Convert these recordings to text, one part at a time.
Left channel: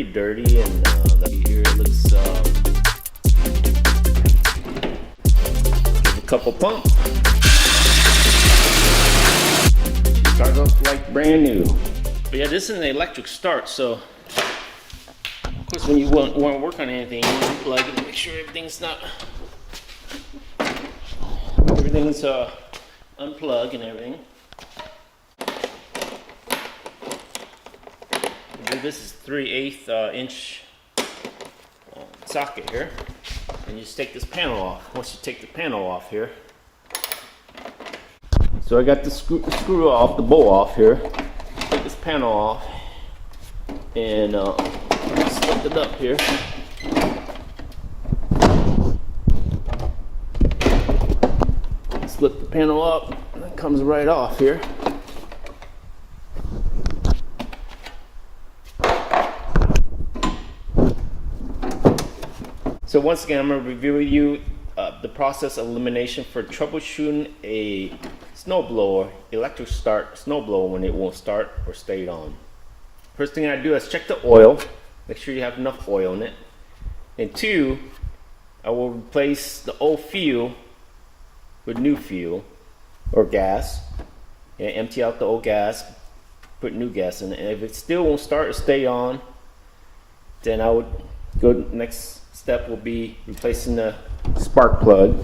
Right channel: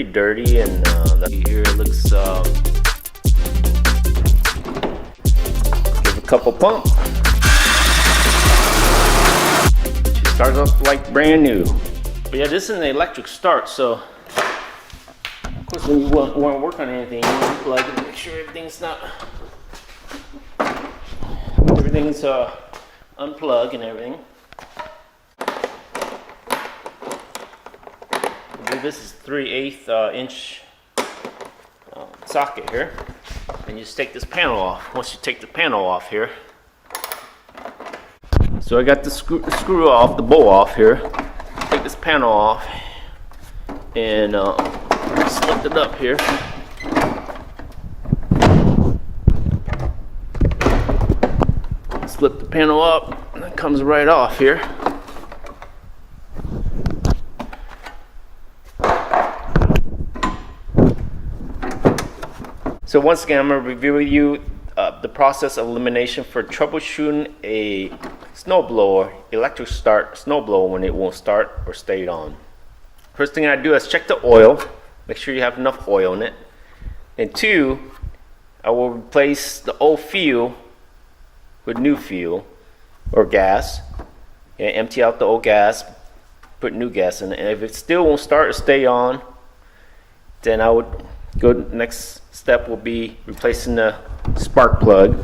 pretty dirty, and here it looks. Give a couple pump. She starts off like brand new. But yeah, this is an electric start, so of course when you want to work on anything, you unplug and make sure everything's unplugged and everything. This is 3/8 inch socket here, and you just take this panel off. Once you take the panel off here, so I got the screw off, the bowl off here. Take this panel off and just lift it up here. Slip the panel up, and it comes right off here. So once again, I'm going to review with you the process of elimination for troubleshooting a snowblower, electric start snowblower when it won't start or stay on. First thing I do is check the oil, make sure you have enough oil in it. And two, I will replace the old fuel with new fuel or gas, and empty out the old gas, put new gas in it. And if it still won't start or stay on, then I would go, next step will be replacing the spark plug.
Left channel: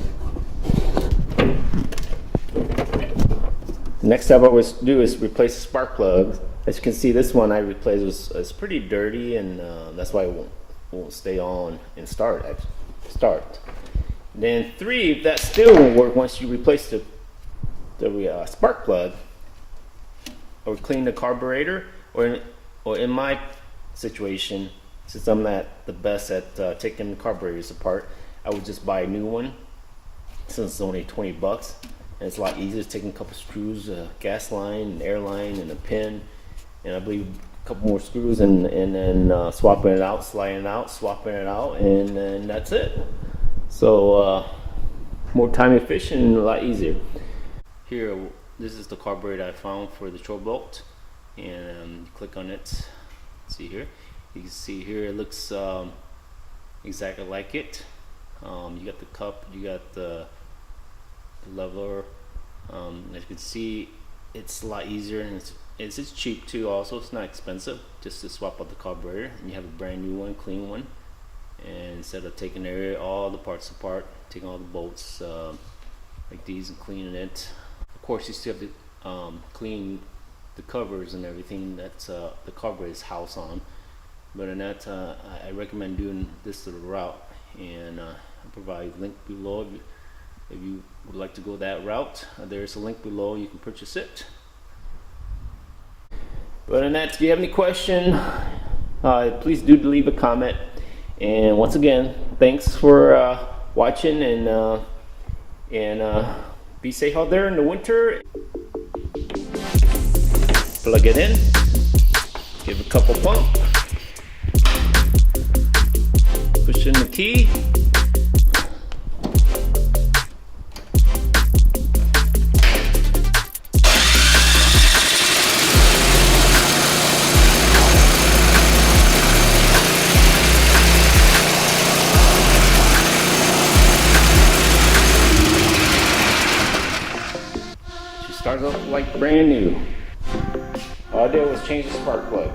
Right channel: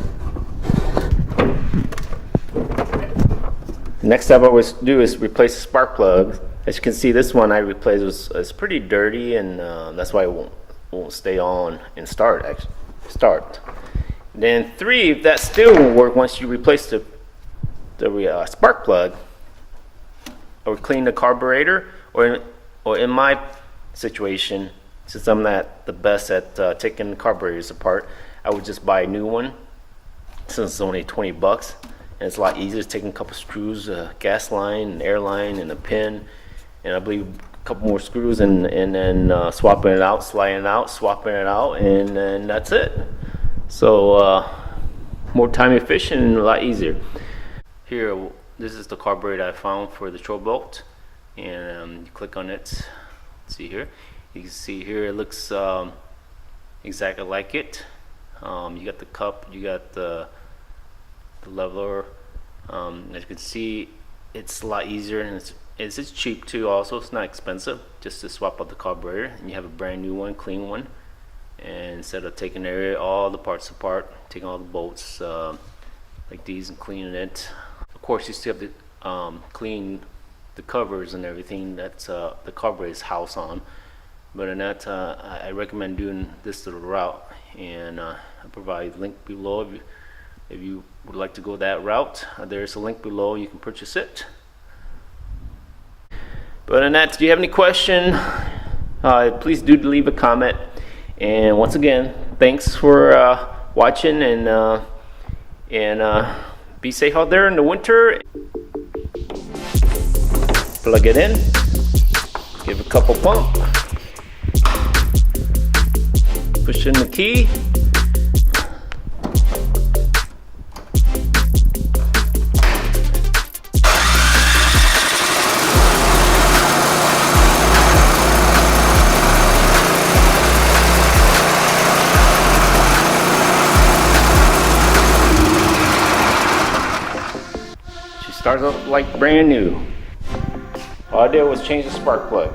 Next step I always do is replace the spark plug. As you can see, this one I replaced was pretty dirty, and that's why it won't stay on and start. Then three, if that still won't work once you replace the spark plug, I would clean the carburetor, or in my situation, since I'm not the best at taking the carburetors apart, I would just buy a new one, since it's only 20 bucks. And it's a lot easier, taking a couple screws, a gas line, an air line, and a pin, and I believe a couple more screws, and then swapping it out, sliding it out, swapping it out, and then that's it. So more time efficient and a lot easier. Here, this is the carburetor I found for the Troy-Bilt, and you click on it. See here, you can see here it looks exactly like it. You got the cup, you got the leveler. As you can see, it's a lot easier, and it's cheap too. Also, it's not expensive just to swap out the carburetor, and you have a brand new one, clean one. And instead of taking all the parts apart, taking all the bolts like these and cleaning it, of course you still have to clean the covers and everything that's the carburetor's house on. But in that, I recommend doing this little route, and I provide a link below if you would like to go that route. There's a link below, you can purchase it. But in that, do you have any question, please do leave a comment. And once again, thanks for watching, and be safe out there in the winter. Plug it in, give a couple pump, push in the key. Starts off like brand new. All I did was change the spark plug.